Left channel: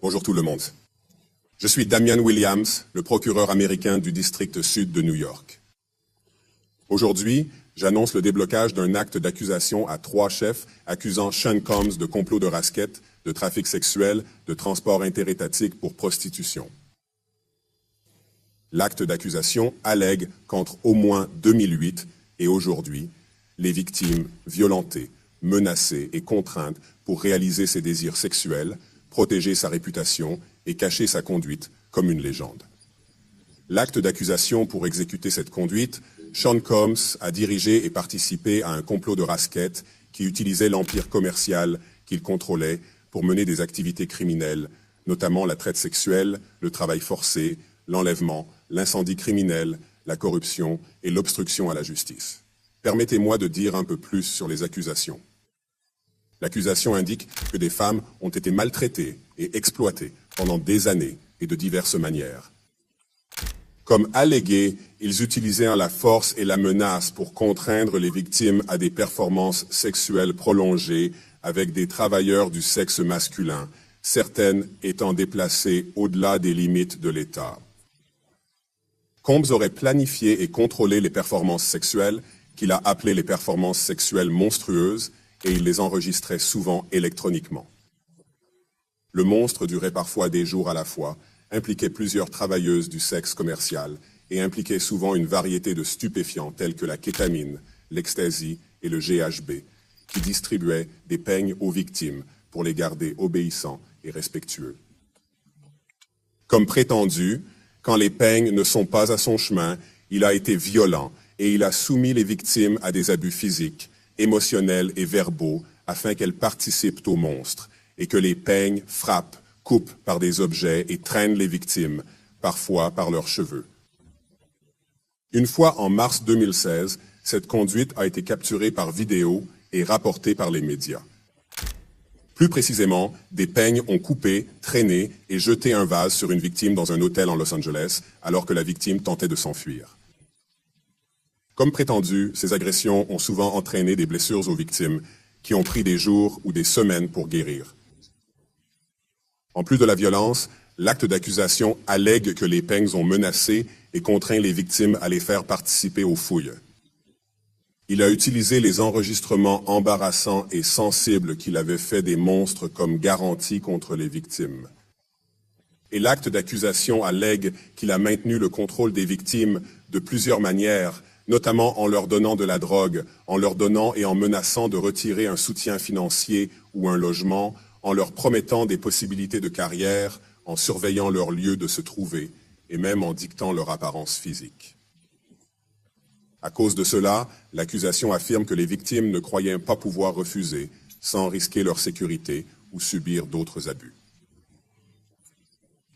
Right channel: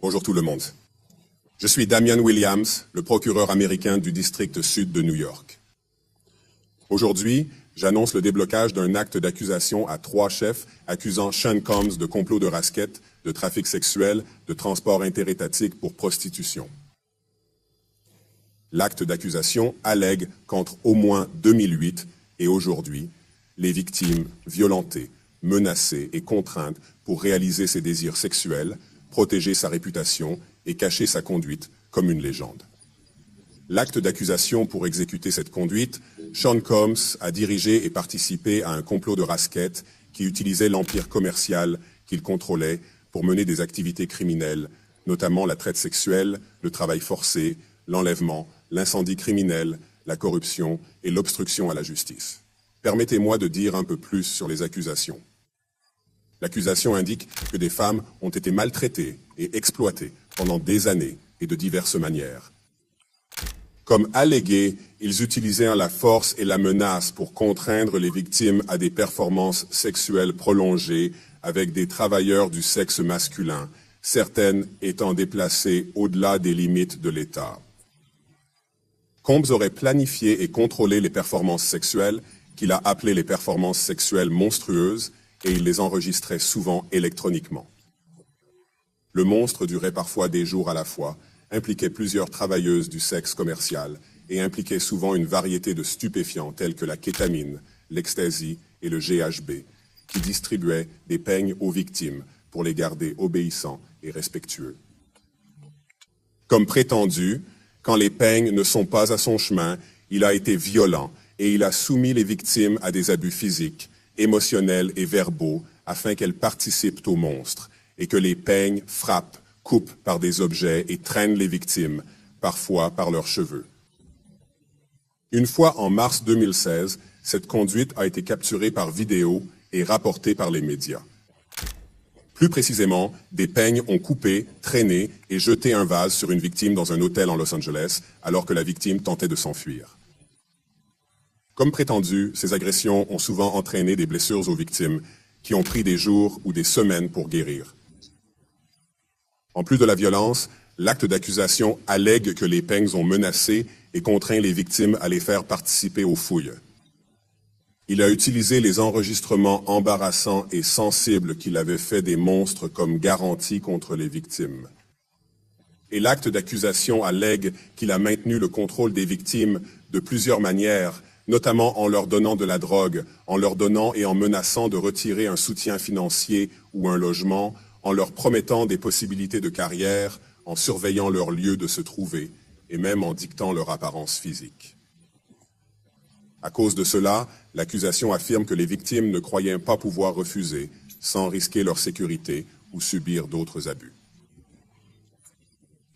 Bonjour tout le monde. Je suis Damian Williams, le procureur américain du district sud de New York. Aujourd'hui, j'annonce le déblocage d'un acte d'accusation à 3 chefs accusant Sean Combs de complot de rasquette, de trafic sexuel, de transport interétatique pour prostitution. L'acte d'accusation allègue qu'entre au moins 2008 et aujourd'hui, les victimes violentées, menacées et contraintes pour réaliser ses désirs sexuels, protéger sa réputation et cacher sa conduite comme une légende. L'acte d'accusation pour exécuter cette conduite, Sean Combs a dirigé et participé à un complot de rasquette qui utilisait l'empire commercial qu'il contrôlait pour mener des activités criminelles, notamment la traite sexuelle, le travail forcé, l'enlèvement, l'incendie criminel, la corruption et l'obstruction à la justice. Permettez-moi de dire un peu plus sur les accusations. L'accusation indique que des femmes ont été maltraitées et exploitées pendant des années et de diverses manières. Comme allégué, ils utilisèrent la force et la menace pour contraindre les victimes à des performances sexuelles prolongées avec des travailleurs du sexe masculin, certaines étant déplacées au-delà des limites de l'État. Combs aurait planifié et contrôlé les performances sexuelles, qu'il a appelées les performances sexuelles monstrueuses, et il les enregistrait souvent électroniquement. Le monstre durait parfois des jours à la fois, impliquait plusieurs travailleuses du sexe commercial et impliquait souvent une variété de stupéfiants tels que la kétamine, l'ecstasy et le GHB, qui distribuaient des peignes aux victimes pour les garder obéissants et respectueux. Comme prétendu, quand les peignes ne sont pas à son chemin, il a été violent et il a soumis les victimes à des abus physiques, émotionnels et verbaux afin qu'elles participent au monstre et que les peignes frappent, coupent par des objets et traînent les victimes, parfois par leurs cheveux. Une fois en mars 2016, cette conduite a été capturée par vidéo et rapportée par les médias. Plus précisément, des peignes ont coupé, traîné et jeté un vase sur une victime dans un hôtel en Los Angeles alors que la victime tentait de s'enfuir. Comme prétendu, ces agressions ont souvent entraîné des blessures aux victimes qui ont pris des jours ou des semaines pour guérir. En plus de la violence, l'acte d'accusation allègue que les peignes ont menacé et contraint les victimes à les faire participer aux fouilles. Il a utilisé les enregistrements embarrassants et sensibles qu'il avait fait des monstres comme garantie contre les victimes. Et l'acte d'accusation allègue qu'il a maintenu le contrôle des victimes de plusieurs manières, notamment en leur donnant de la drogue, en leur donnant et en menaçant de retirer un soutien financier ou un logement, en leur promettant des possibilités de carrière, en surveillant leur lieu de se trouver, et même en dictant leur apparence physique. À cause de cela, l'accusation affirme que les victimes ne croyaient pas pouvoir refuser, sans risquer leur sécurité ou subir d'autres abus.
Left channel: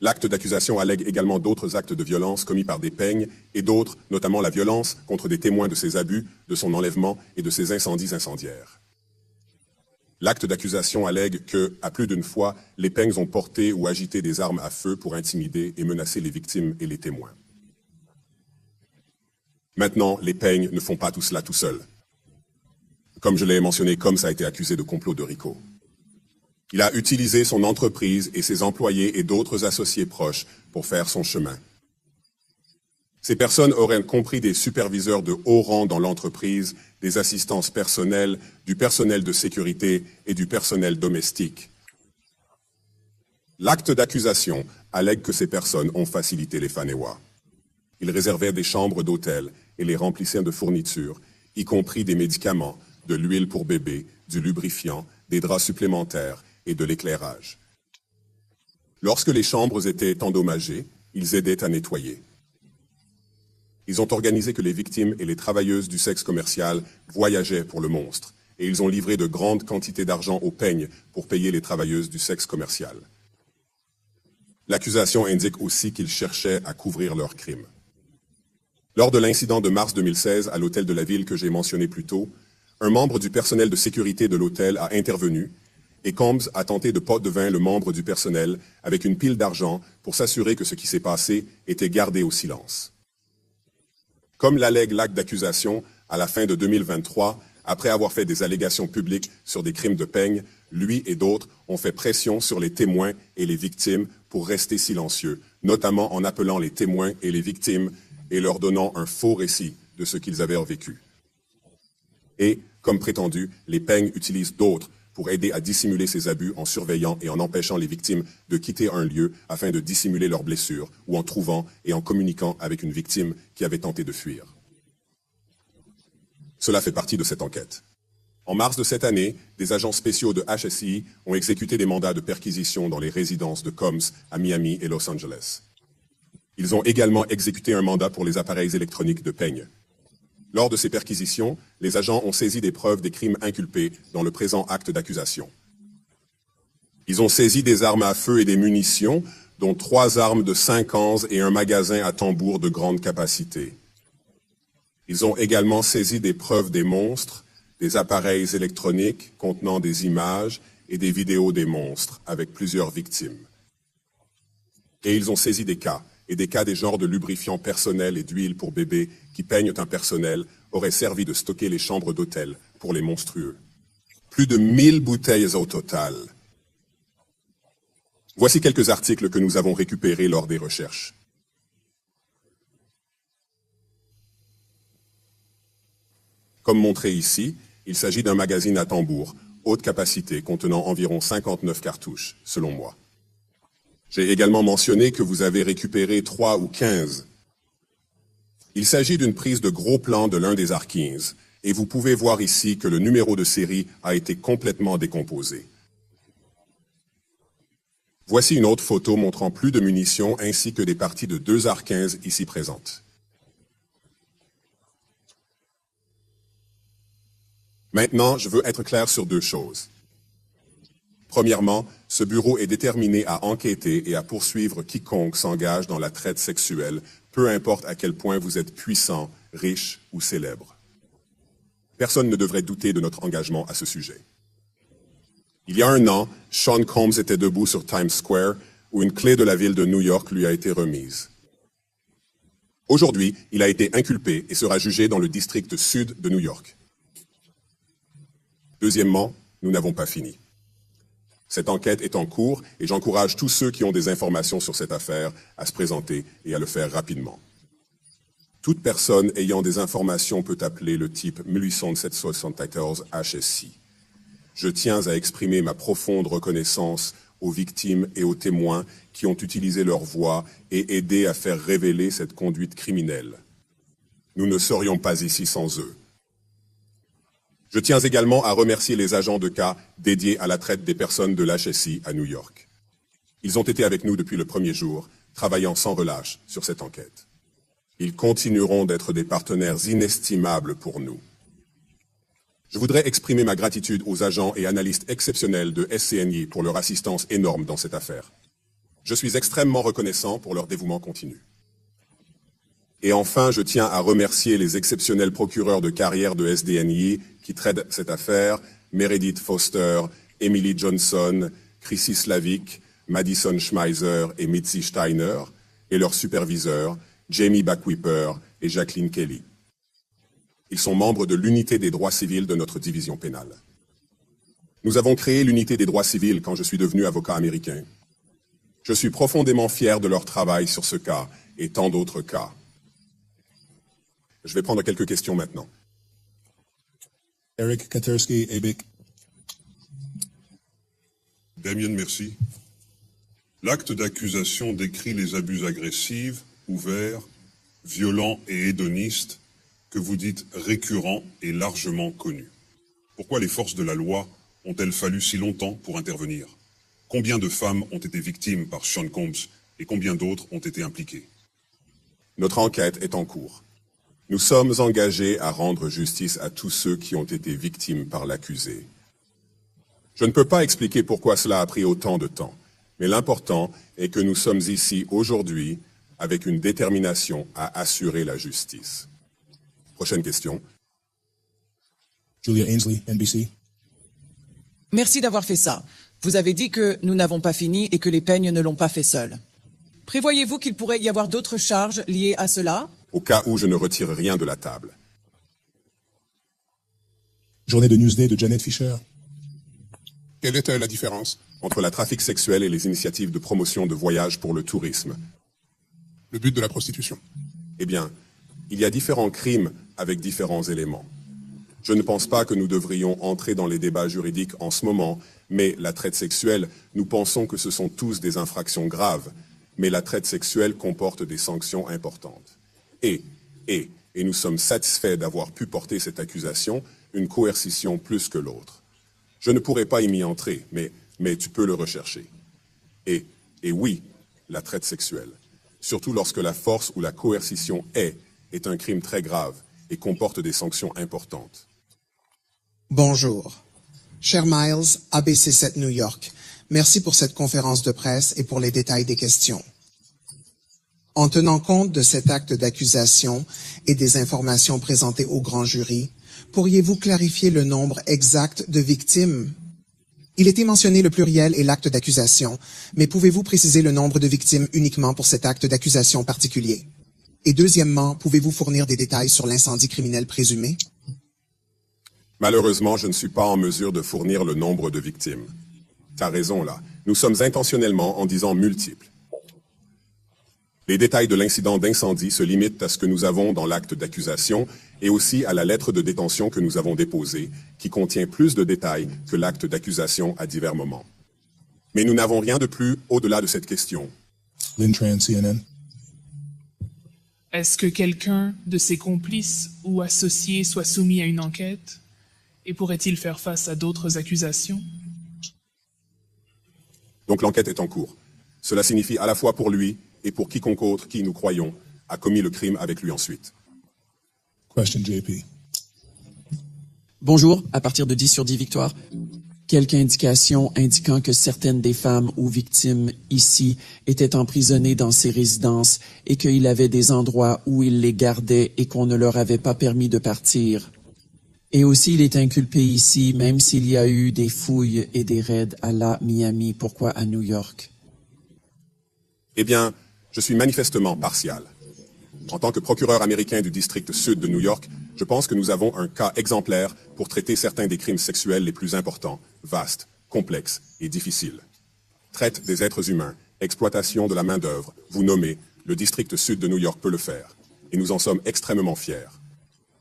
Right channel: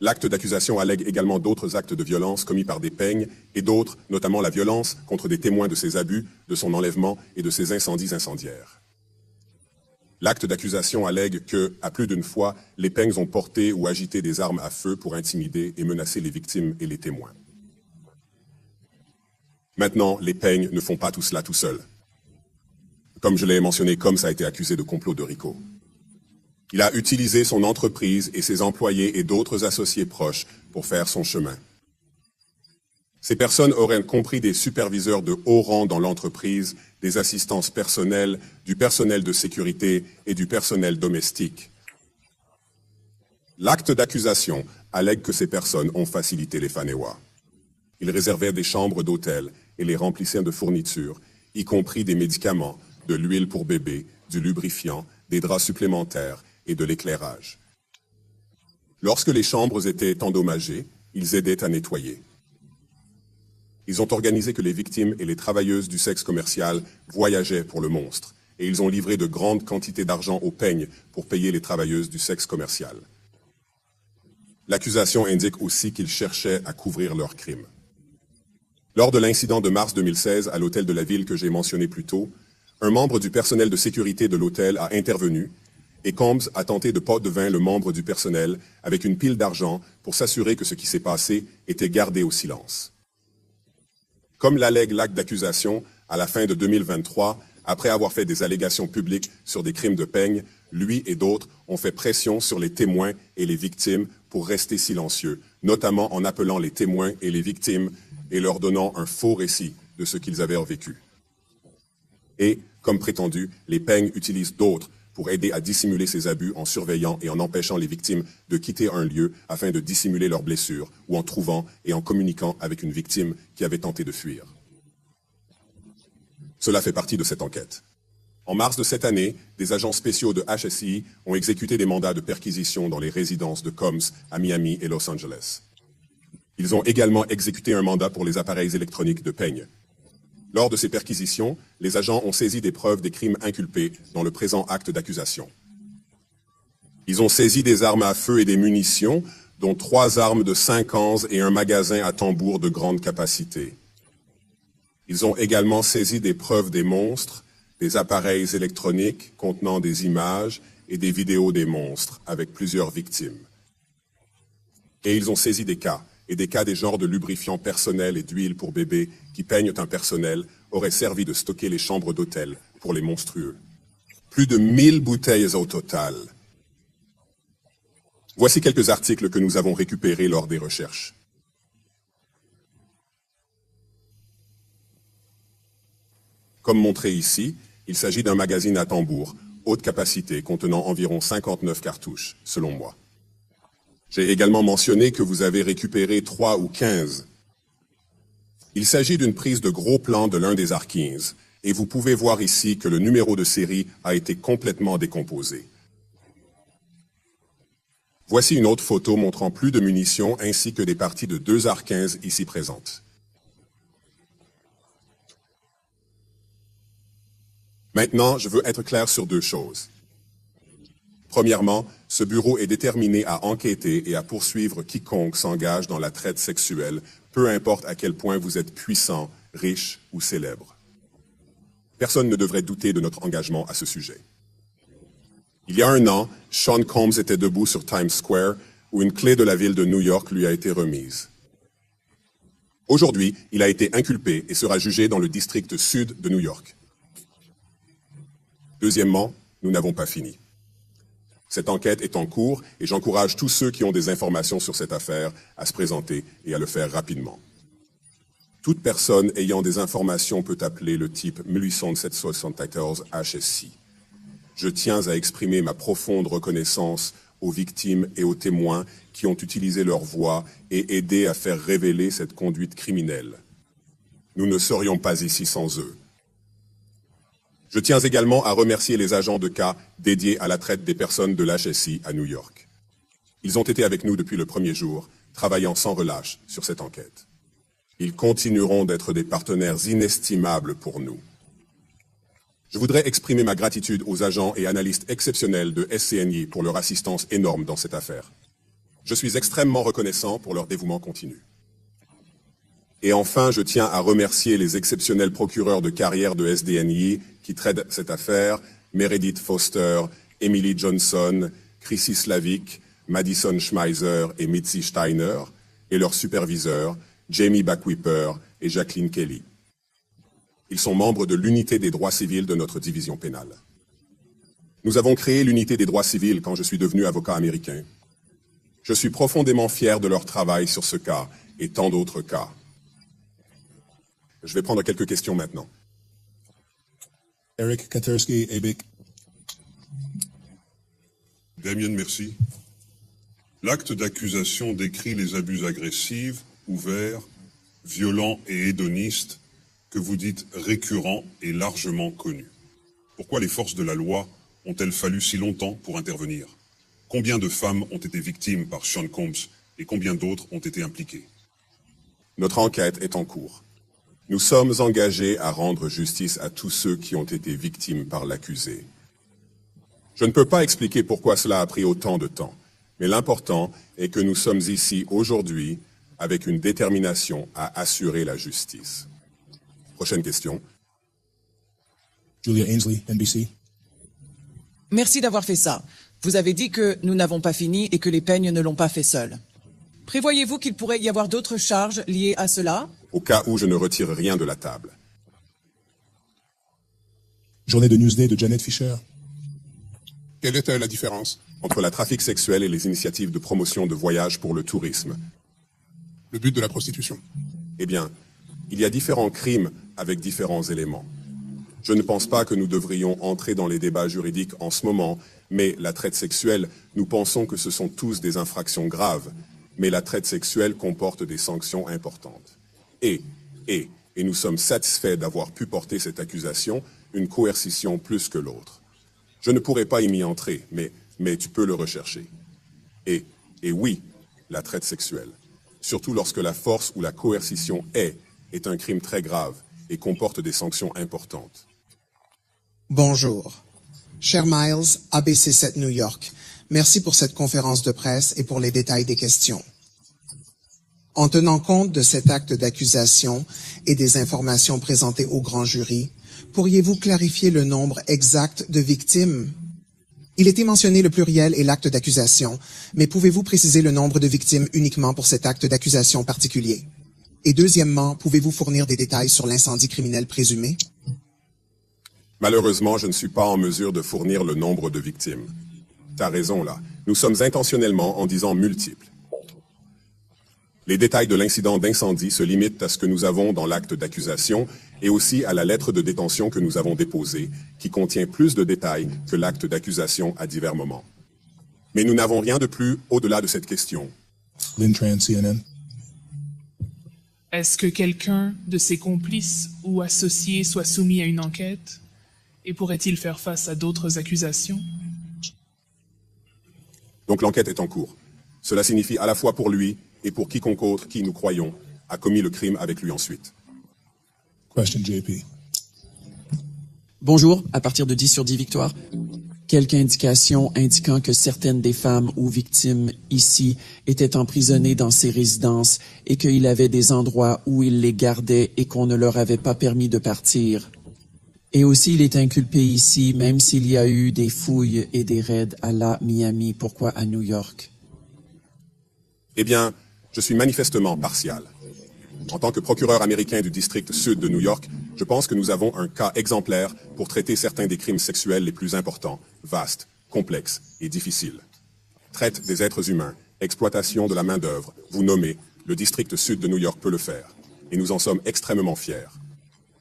L'acte d'accusation allègue également d'autres actes de violence commis par des peignes et d'autres, notamment la violence contre des témoins de ses abus, de son enlèvement et de ses incendies incendiaires. L'acte d'accusation allègue que, à plus d'une fois, les peignes ont porté ou agité des armes à feu pour intimider et menacer les victimes et les témoins. Maintenant, les peignes ne font pas tout cela tout seuls. Comme je l'ai mentionné, Combs a été accusé de complot de RICO. Il a utilisé son entreprise et ses employés et d'autres associés proches pour faire son chemin. Ces personnes auraient compris des superviseurs de haut rang dans l'entreprise, des assistances personnelles, du personnel de sécurité et du personnel domestique. L'acte d'accusation allègue que ces personnes ont facilité les Fanewa. Ils réservaient des chambres d'hôtel et les remplissaient de fournitures, y compris des médicaments, de l'huile pour bébé, du lubrifiant, des draps supplémentaires et de l'éclairage. Lorsque les chambres étaient endommagées, ils aidaient à nettoyer. Ils ont organisé que les victimes et les travailleuses du sexe commercial voyageaient pour le monstre, et ils ont livré de grandes quantités d'argent aux peignes pour payer les travailleuses du sexe commercial. L'accusation indique aussi qu'ils cherchaient à couvrir leurs crimes. Lors de l'incident de mars 2016 à l'hôtel de la ville que j'ai mentionné plus tôt, un membre du personnel de sécurité de l'hôtel a intervenu et Combs a tenté de pot de vin le membre du personnel avec une pile d'argent pour s'assurer que ce qui s'est passé était gardé au silence. Comme l'allègue l'acte d'accusation, à la fin de 2023, après avoir fait des allégations publiques sur des crimes de peigne, lui et d'autres ont fait pression sur les témoins et les victimes pour rester silencieux, notamment en appelant les témoins et les victimes et leur donnant un faux récit de ce qu'ils avaient vécu. Et, comme prétendu, les peignes utilisent d'autres pour aider à dissimuler ces abus en surveillant et en empêchant les victimes de quitter un lieu afin de dissimuler leurs blessures ou en trouvant et en communiquant avec une victime qui avait tenté de fuir. Cela fait partie de cette enquête. En mars de cette année, des agents spéciaux de HSI ont exécuté des mandats de perquisition dans les résidences de Combs à Miami et Los Angeles. Ils ont également exécuté un mandat pour les appareils électroniques de peigne. Lors de ces perquisitions, les agents ont saisi des preuves des crimes inculpés dans le présent acte d'accusation. Ils ont saisi des armes à feu et des munitions, dont 3 armes de 5 ans et un magasin à tambour de grande capacité. Ils ont également saisi des preuves des monstres, des appareils électroniques contenant des images et des vidéos des monstres avec plusieurs victimes. Et ils ont saisi des cas des genres de lubrifiants personnels et d'huile pour bébés qui peignent un personnel auraient servi de stocker les chambres d'hôtel pour les monstrueux. Plus de 1000 bouteilles au total. Voici quelques articles que nous avons récupérés lors des recherches. Comme montré ici, il s'agit d'un magazine à tambour, haute capacité, contenant environ 59 cartouches, selon moi. J'ai également mentionné que vous avez récupéré 3 ou 15. Il s'agit d'une prise de gros plan de l'un des Harkins, et vous pouvez voir ici que le numéro de série a été complètement décomposé. Voici une autre photo montrant plus de munitions ainsi que des parties de 2 Harkins ici présentes. Maintenant, je veux être clair sur 2 choses. Premièrement, ce bureau est déterminé à enquêter et à poursuivre quiconque s'engage dans la traite sexuelle, peu importe à quel point vous êtes puissant, riche ou célèbre. Personne ne devrait douter de notre engagement à ce sujet. Il y a 1 an, Sean Combs était debout sur Times Square, où une clé de la ville de New York lui a été remise. Aujourd'hui, il a été inculpé et sera jugé dans le district sud de New York. Deuxièmement, nous n'avons pas fini. Cette enquête est en cours et j'encourage tous ceux qui ont des informations sur cette affaire à se présenter et à le faire rapidement. Toute personne ayant des informations peut appeler le type 1874 HSI. Je tiens à exprimer ma profonde reconnaissance aux victimes et aux témoins qui ont utilisé leur voix et aidé à faire révéler cette conduite criminelle. Nous ne serions pas ici sans eux. Je tiens également à remercier les agents de cas dédiés à la traite des personnes de l'HSI à New York. Ils ont été avec nous depuis le premier jour, travaillant sans relâche sur cette enquête. Ils continueront d'être des partenaires inestimables pour nous. Je voudrais exprimer ma gratitude aux agents et analystes exceptionnels de SCNI pour leur assistance énorme dans cette affaire. Je suis extrêmement reconnaissant pour leur dévouement continu. Et enfin, je tiens à remercier les exceptionnels procureurs de carrière de SDNI qui traitent cette affaire, Meredith Foster, Emily Johnson, Chrissy Slavic, Madison Schmeiser et Mitzi Steiner, et leurs superviseurs, Jamie Backwhipper et Jacqueline Kelly. Ils sont membres de l'unité des droits civils de notre division pénale. Nous avons créé l'unité des droits civils quand je suis devenu avocat américain. Je suis profondément fier de leur travail sur ce cas et tant d'autres cas. Je vais prendre quelques questions maintenant. Eric Katersky, ABIC. Damien, merci. L'acte d'accusation décrit les abus agressifs, ouverts, violents et hédonistes que vous dites récurrents et largement connus. Pourquoi les forces de la loi ont-elles fallu si longtemps pour intervenir? Combien de femmes ont été victimes par Sean Combs et combien d'autres ont été impliquées? Notre enquête est en cours. Nous sommes engagés à rendre justice à tous ceux qui ont été victimes par l'accusé. Je ne peux pas expliquer pourquoi cela a pris autant de temps, mais l'important est que nous sommes ici aujourd'hui avec une détermination à assurer la justice. Prochaine question. Julian Ainsley, NBC. Merci d'avoir fait ça. Vous avez dit que nous n'avons pas fini et que les peignes ne l'ont pas fait seuls. Prévoyez-vous qu'il pourrait y avoir d'autres charges liées à cela? Au cas où je ne retire rien de la table. Journée de Newsday de Janet Fisher. Quelle est la différence? Entre le trafic sexuel et les initiatives de promotion de voyages pour le tourisme. Le but de la prostitution. Eh bien, il y a différents crimes avec différents éléments. Je ne pense pas que nous devrions entrer dans les débats juridiques en ce moment, mais la traite sexuelle, nous pensons que ce sont tous des infractions graves, mais la traite sexuelle comporte des sanctions importantes. Et nous sommes satisfaits d'avoir pu porter cette accusation, une coercition plus que l'autre. Je ne pourrais pas y m'y entrer, mais tu peux le rechercher. Et oui, la traite sexuelle, surtout lorsque la force ou la coercition est un crime très grave et comporte des sanctions importantes. Bonjour. Cher Miles, ABC7 New York. Merci pour cette conférence de presse et pour les détails des questions. En tenant compte de cet acte d'accusation et des informations présentées au grand jury, pourriez-vous clarifier le nombre exact de victimes? Il était mentionné le pluriel et l'acte d'accusation, mais pouvez-vous préciser le nombre de victimes uniquement pour cet acte d'accusation particulier? Et deuxièmement, pouvez-vous fournir des détails sur l'incendie criminel présumé? Malheureusement, je ne suis pas en mesure de fournir le nombre de victimes. Tu as raison là. Nous sommes intentionnellement en disant multiples. Les détails de l'incident d'incendie se limitent à ce que nous avons dans l'acte d'accusation et aussi à la lettre de détention que nous avons déposée, qui contient plus de détails que l'acte d'accusation à divers moments. Mais nous n'avons rien de plus au-delà de cette question. Lynn Tran, CNN. Est-ce que quelqu'un de ses complices ou associés soit soumis à une enquête? Et pourrait-il faire face à d'autres accusations? Donc l'enquête est en cours. Cela signifie à la fois pour lui et pour quiconque autre qui, nous croyons, a commis le crime avec lui ensuite. Question, JP. Bonjour, à partir de 10 sur 10 victoires. Quelques indications indiquant que certaines des femmes ou victimes ici étaient emprisonnées dans ces résidences et qu'il avait des endroits où il les gardait et qu'on ne leur avait pas permis de partir. Et aussi, il est inculpé ici, même s'il y a eu des fouilles et des raids à la Miami. Pourquoi à New York? Eh bien, je suis manifestement partial. En tant que procureur américain du district sud de New York, je pense que nous avons un cas exemplaire pour traiter certains des crimes sexuels les plus importants, vastes, complexes et difficiles. Traite des êtres humains, exploitation de la main-d'œuvre, vous nommez, le district sud de New York peut le faire. Et nous en sommes extrêmement fiers.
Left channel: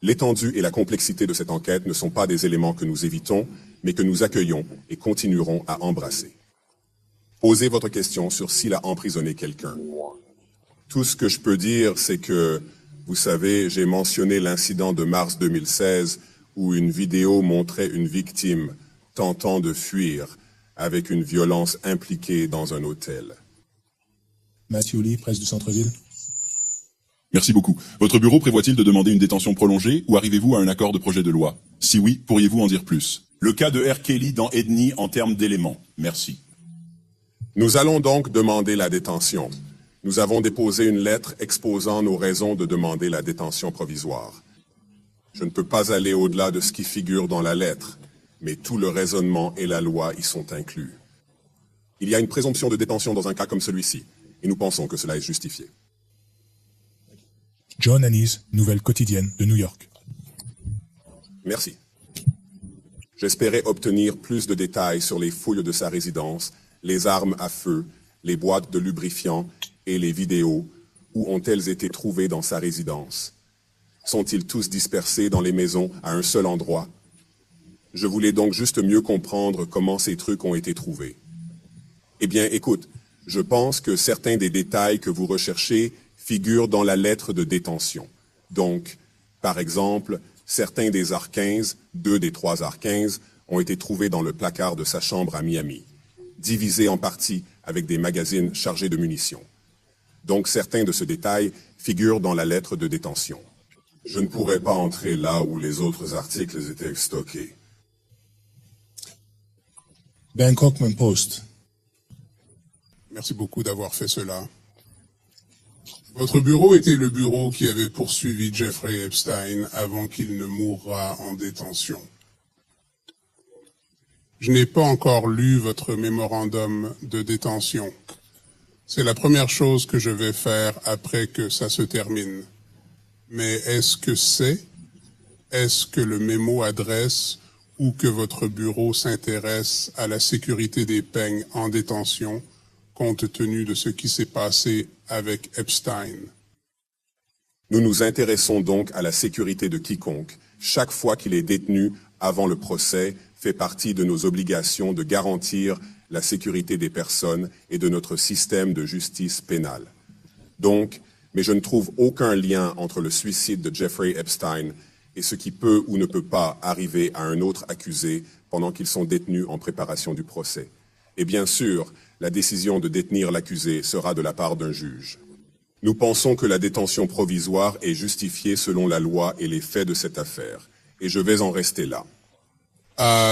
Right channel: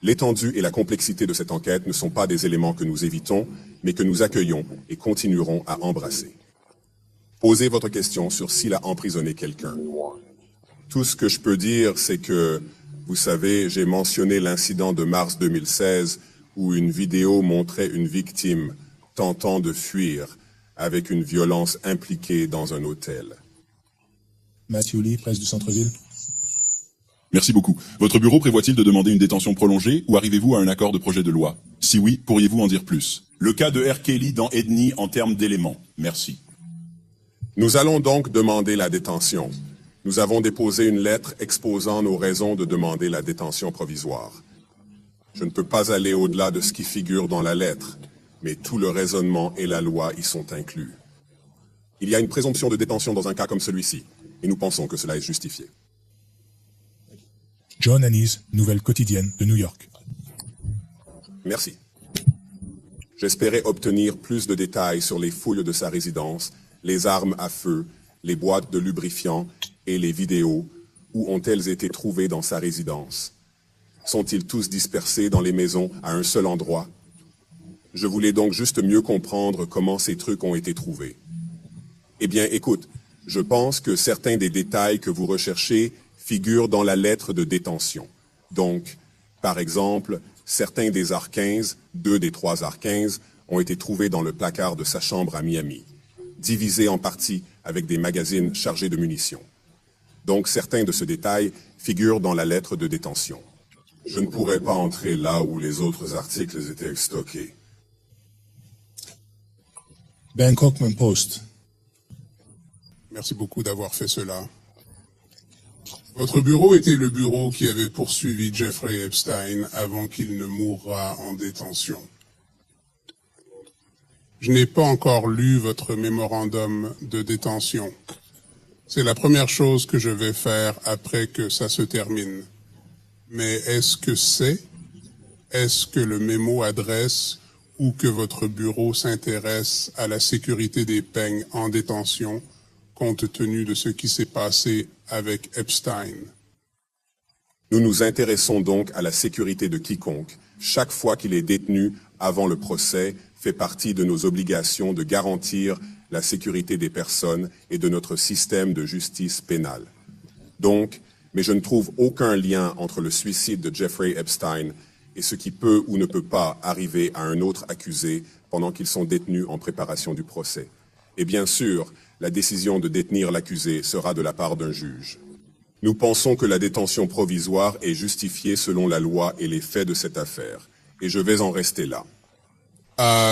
L'étendue et la complexité de cette enquête ne sont pas des éléments que nous évitons, mais que nous accueillons et continuerons à embrasser. Posez votre question sur s'il a emprisonné quelqu'un. Tout ce que je peux dire, c'est que, vous savez, j'ai mentionné l'incident de mars 2016 où une vidéo montrait une victime tentant de fuir avec une violence impliquée dans un hôtel. Matthew Lee, presse du centre-ville. Merci beaucoup. Votre bureau prévoit-il de demander une détention prolongée ou arrivez-vous à un accord de projet de loi? Si oui, pourriez-vous en dire plus? Le cas de R. Kelly dans Ethnie en termes d'éléments. Merci. Nous allons donc demander la détention. Nous avons déposé une lettre exposant nos raisons de demander la détention provisoire. Je ne peux pas aller au-delà de ce qui figure dans la lettre, mais tout le raisonnement et la loi y sont inclus. Il y a une présomption de détention dans un cas comme celui-ci, et nous pensons que cela est justifié. John Ennis, Nouvelle quotidienne de New York. Merci. J'espérais obtenir plus de détails sur les foules de sa résidence, les armes à feu, les boîtes de lubrifiant et les vidéos. Où ont-elles été trouvées dans sa résidence? Sont-ils tous dispersés dans les maisons à un seul endroit? Je voulais donc juste mieux comprendre comment ces trucs ont été trouvés. Eh bien, écoute, je pense que certains des détails que vous recherchez figurent dans la lettre de détention. Donc, par exemple, certains des AR-15, 2 des 3 AR-15, ont été trouvés dans le placard de sa chambre à Miami, divisés en parties avec des magazines chargés de munitions. Donc, certains de ces détails figurent dans la lettre de détention. Je ne pourrais pas entrer là où les autres articles étaient stockés. Bangkok Post. Merci beaucoup d'avoir fait cela. Votre bureau était le bureau qui avait poursuivi Jeffrey Epstein avant qu'il ne mourra en détention. Je n'ai pas encore lu votre mémorandum de détention. C'est la première chose que je vais faire après que ça se termine. Mais est-ce que le mémo adresse ou que votre bureau s'intéresse à la sécurité des peignes en détention compte tenu de ce qui s'est passé avec Epstein? Nous nous intéressons donc à la sécurité de quiconque. Chaque fois qu'il est détenu avant le procès fait partie de nos obligations de garantir la sécurité des personnes et de notre système de justice pénale. Donc, mais je ne trouve aucun lien entre le suicide de Jeffrey Epstein et ce qui peut ou ne peut pas arriver à un autre accusé pendant qu'ils sont détenus en préparation du procès. Et bien sûr, la décision de détenir l'accusé sera de la part d'un juge. Nous pensons que la détention provisoire est justifiée selon la loi et les faits de cette affaire. Et je vais en rester là.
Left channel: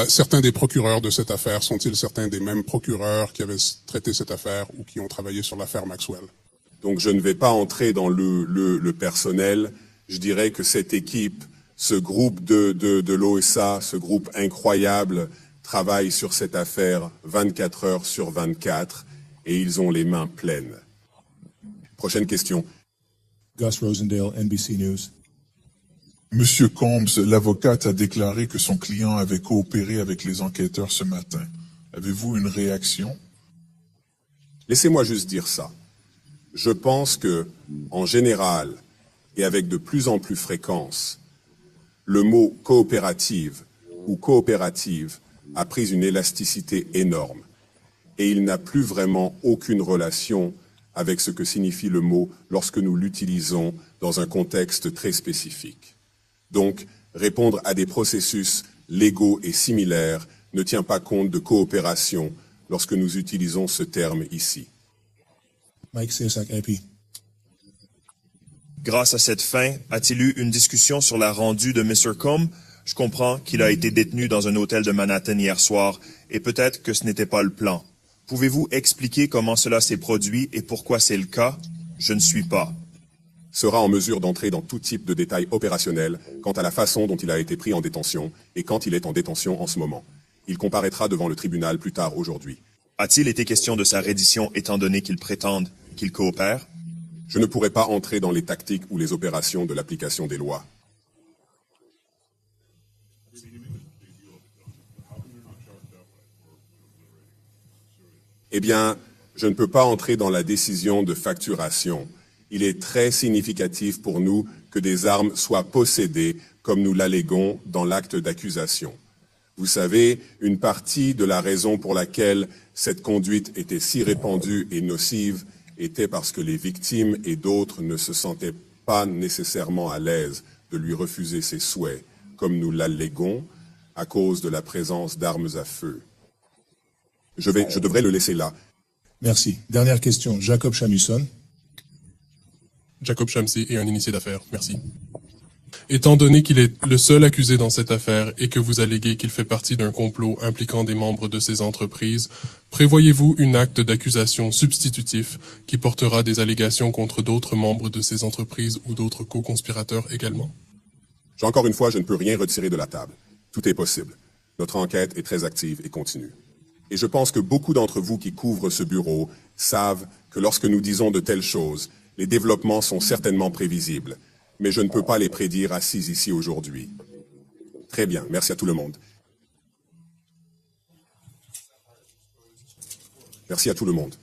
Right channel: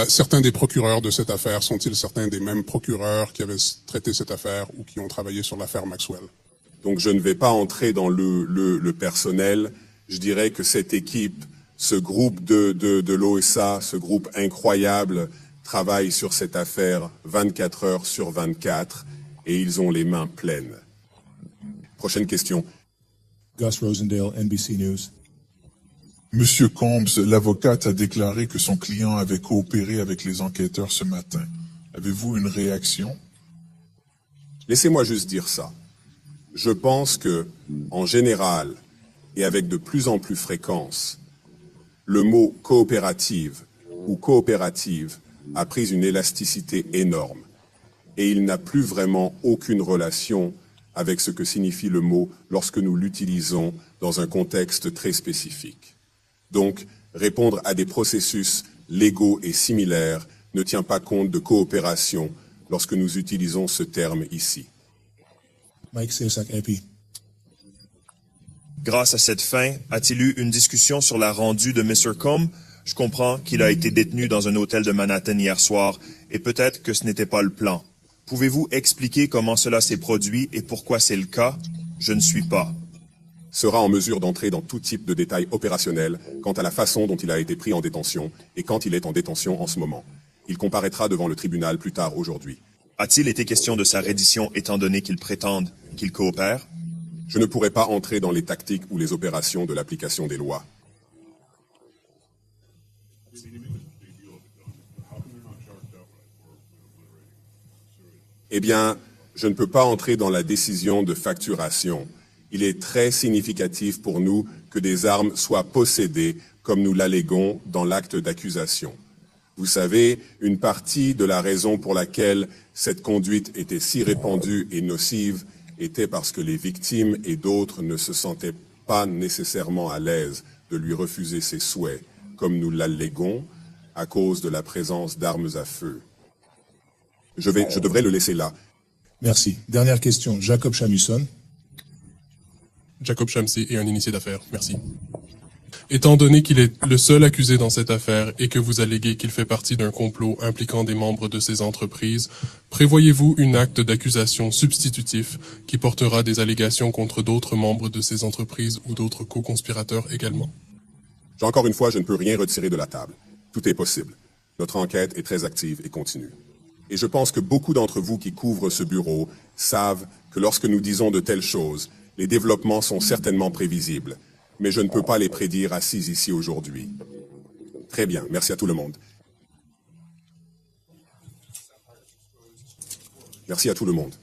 Certains des procureurs de cette affaire sont-ils certains des mêmes procureurs qui avaient traité cette affaire ou qui ont travaillé sur l'affaire Maxwell? Donc je ne vais pas entrer dans le personnel. Je dirais que cette équipe, ce groupe de l'OSA, ce groupe incroyable, travaille sur cette affaire 24 heures sur 24 et ils ont les mains pleines. Prochaine question. Gus Rosendale, NBC News. Monsieur Combs, l'avocate a déclaré que son client avait coopéré avec les enquêteurs ce matin. Avez-vous une réaction? Laissez-moi juste dire ça. Je pense que, en général, et avec de plus en plus fréquence, le mot coopérative ou coopérative a pris une élasticité énorme et il n'a plus vraiment aucune relation avec ce que signifie le mot lorsque nous l'utilisons dans un contexte très spécifique. Donc, répondre à des processus légaux et similaires ne tient pas compte de coopération lorsque nous utilisons ce terme ici. Mike Sasak, MP. Grâce à cette fin, a-t-il eu une discussion sur la rendue de Mr. Combs? Je comprends qu'il a été détenu dans un hôtel de Manhattan hier soir, et peut-être que ce n'était pas le plan. Pouvez-vous expliquer comment cela s'est produit et pourquoi c'est le cas? Je ne suis pas. Sera en mesure d'entrer dans tout type de détails opérationnels quant à la façon dont il a été pris en détention et quand il est en détention en ce moment. Il comparaîtra devant le tribunal plus tard aujourd'hui. A-t-il été question de sa reddition étant donné qu'il prétende qu'il coopère? Je ne pourrai pas entrer dans les tactiques ou les opérations de l'application des lois. Eh bien, je ne peux pas entrer dans la décision de facturation. Il est très significatif pour nous que des armes soient possédées comme nous l'alléguons dans l'acte d'accusation. Vous savez, une partie de la raison pour laquelle cette conduite était si répandue et nocive était parce que les victimes et d'autres ne se sentaient pas nécessairement à l'aise de lui refuser ses souhaits, comme nous l'alléguons, à cause de la présence d'armes à feu. Je devrais le laisser là. Merci. Dernière question, Jacob Chamusson. Jacob Chamsey est un initié d'affaires. Merci. Étant donné qu'il est le seul accusé dans cette affaire et que vous alléguez qu'il fait partie d'un complot impliquant des membres de ces entreprises, prévoyez-vous un acte d'accusation substitutif qui portera des allégations contre d'autres membres de ces entreprises ou d'autres co-conspirateurs également? Encore une fois, je ne peux rien retirer de la table. Tout est possible. Notre enquête est très active et continue. Et je pense que beaucoup d'entre vous qui couvrent ce bureau savent que lorsque nous disons de telles choses, les développements sont certainement prévisibles, mais je ne peux pas les prédire assis ici aujourd'hui. Très bien, merci à tout le monde. Merci à tout le monde.